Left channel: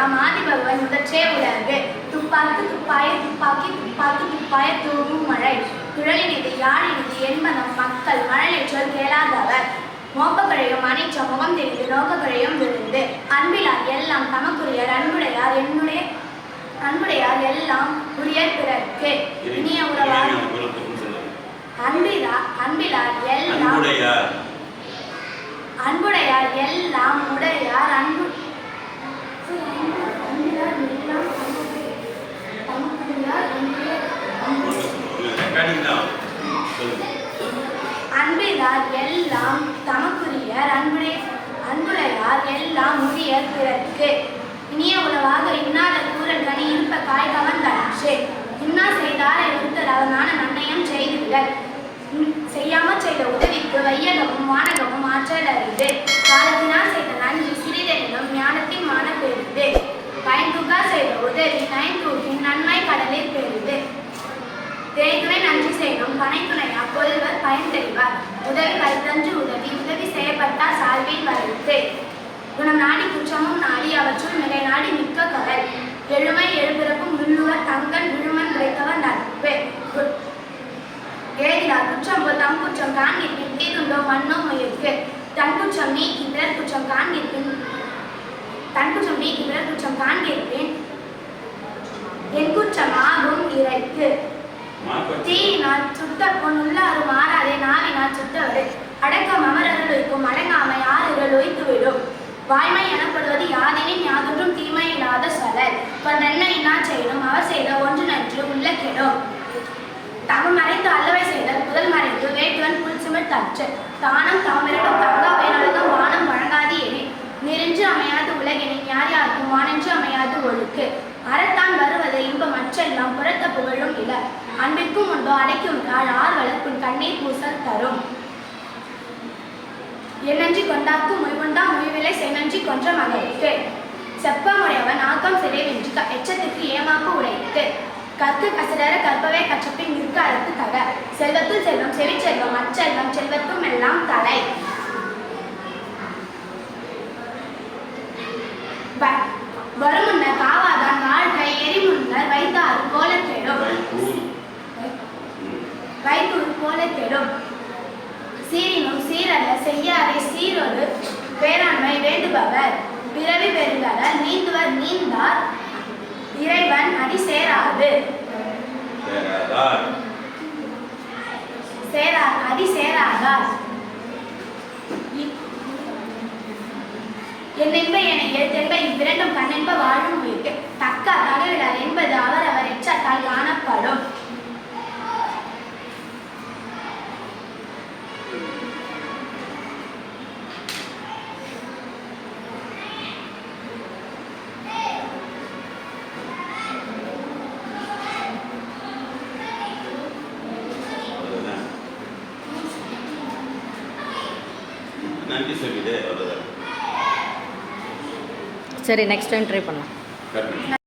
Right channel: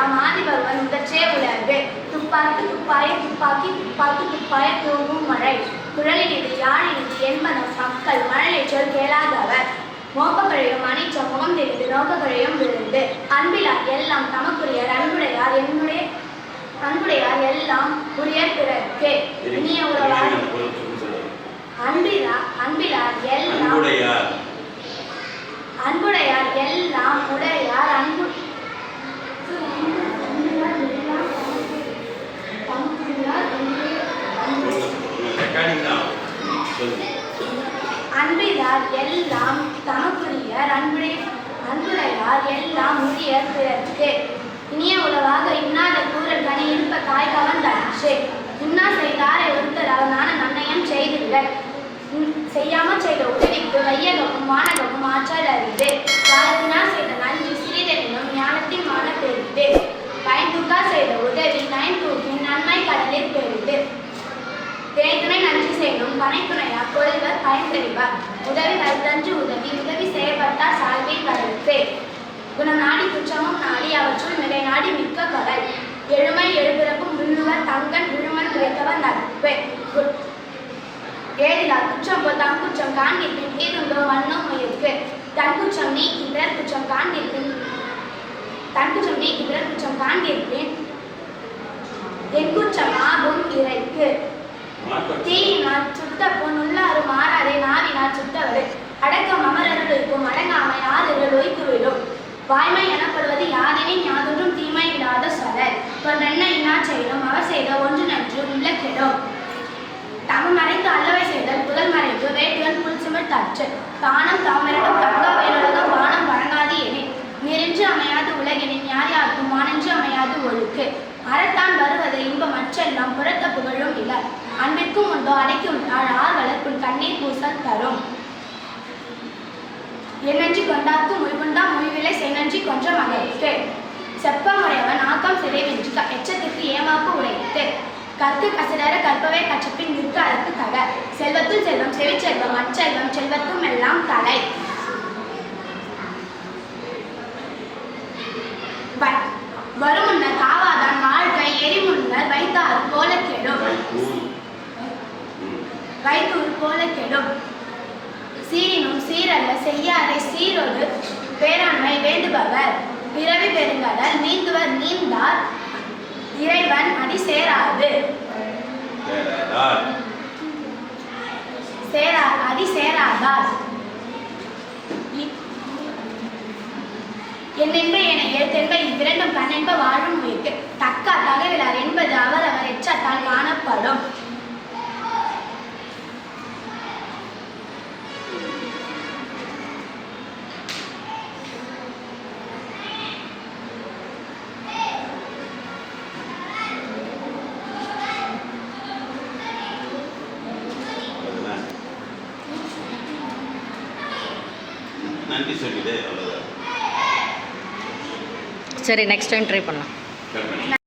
எல்லாம் ஆதிபகவன் முதற்றே உலகு துப்பாக்கு துப்பாய துப்பாக்கி துப்பாக்கி துப்பாய தூவும் மழை. குழலினிது யாழினிது என்பனம் மக்கள் மழலை சொல் கேளாதவர். மோப்பக்கழையும் அனிச்ச முகம் தெரிந்து நோக்கக்கழையும் விழுந்து. அன்பிலார் எல்லாம் தமக்குரியர் அன்புடையார் என்னுடைய அன்புடையார் எல்லாம் உரியர் பிறர்க்கு. இனிய உறவார். அன்பிலா அன்பிலார் எல்லாம் அன்புடையார் எல்லாம் உடையார் அன்பு அன்பிலார் எல்லாம் தமக்குரியர் என்று- ரெக்கார்டிங் தான் சொல்லுங்க அன்பிலார் எல்லாம் தமக்குரியர் அன்புடைய அன்புடையார் எல்லாம் உரிய பிறர்க்கு. இனிய உளவாக இன்னாத கூறல் கனி இருப்ப காய் கவர்ந்தன்று இன்னா செய்தாரை ஒருத்தர் அவனான நன்னயம் செய்துவிடல். செய்யாமல் செய்த உதவிக்கு வையகமும் வானகமும் ஆற்றல் அறிந்து காலத்தினால் செய்த நன்றி சிறிதெனினும் ஞானத்தின் மான பெரிது. பயன்துக்கா செய்த உதவி நயன்தூக்கின் நன்மை கடலில் பெரிது. தேய்துணை நன்றி செய்யணும் பனைத்துணை ஒருவர் பயன்பெறுவார். உதவி வைத்தன்று உதவி உதவி செய்யப்பட்டார் சால்வில் வரத்து குணம் நாடி குற்றமும் நாடி அவற்றுள் நிலை நாடி மிக்க கடல் எழுமை எழுபிறப்பும் உள்ளுவர் தங்கன் விழுமன் விரைத்தவர் நட்பு. ஏதிலார் குற்றம் தம் குற்றம் காண்கிற்பின் தீருண்டோ மண்ணோ முயற்கு. தன் குற்றம் நீக்கி பிறர் குற்றம் காண்கிற்பின் தன் குற்றம் நீக்கி பிறர் குற்றம் காண்கிற்பின் என் குற்றம் ஆகும் இறைக்கு. தீயினால் சுட்ட மாறாதே நாவினால் சுட்டவரு. அடக்கம் யாருகள் வாய்மை எனப்படுவது யாதெனின் யாதொன்றும் தீமை இல்லாத சொலல் நன்னை இன்னா செய்யணும் அவர் செய்த ஒன்று நன்று உள்ள கெடும் தவம் மறைந்து அல்லவை செய்தல் புதல் மறைந்து வேட்டுவன் புல் சிமிழ் தற்று. தானம் தாமிரட்டும் தங்கா வேணழகம் வானம் வழங்காது எனின். நெறிஞ்சு உலகெனின் யார் யாருக்கும் வானென்று அமையாது ஒழுக்கு. அறத்தான் வருவது இன்பம் அற்றெல்லாம் புறத்த புகழும் இல அன்பிற்கும் உண்டோ அடைக்கும் நாள் ஆர்வலர் கண்ணீர் பூசல் தரும். என்னன்றி கொண்டாக்கும் முய்கொண்டா முய்விலை செய்நன்றி கொன்ற மகளுக்கு செப்பமுடையவன் ஆக்கம் சிறைவென்று எச்சத்திற்கு ஏமாக்கு உடைத்து. கற்கு கசிடர கற்பவை கச்சப்பின் நிற்க அறுத்து தக. செல்வத்துள் செல்வம் செவிச்செல்வம் அச்செல்வம் செல்வத்தும் எல்லாம் தலை. வருமுன்னர் காவாதான் வாழ்க்கை எரிமுன்னர் வைத்தாறு போல கெடும். வைத்தூர் போல கெடும். சீரினும் சீரல்ல செய்யாதே சீரொரு பேராண்மை வேண்டுபவர். பிறவி பெருங்கடல் நீந்துவர் நீந்தார். இறைவன் அடி சேராது. சேரா அடி சேராதார் இ- என்னென்ப என எழுத்து இவ்விரண்டும் கண்ணென்ப வாழும் உயிர்க்கு தக்க தகவலார் என்பது அவர் அவர் எச்சத்தால் காணப்படும். நன்றி சொல்லிடு அவ்வளோதான் சரி நெக்ஸ்ட் டைம் ட்ரை பண்ணலாம்.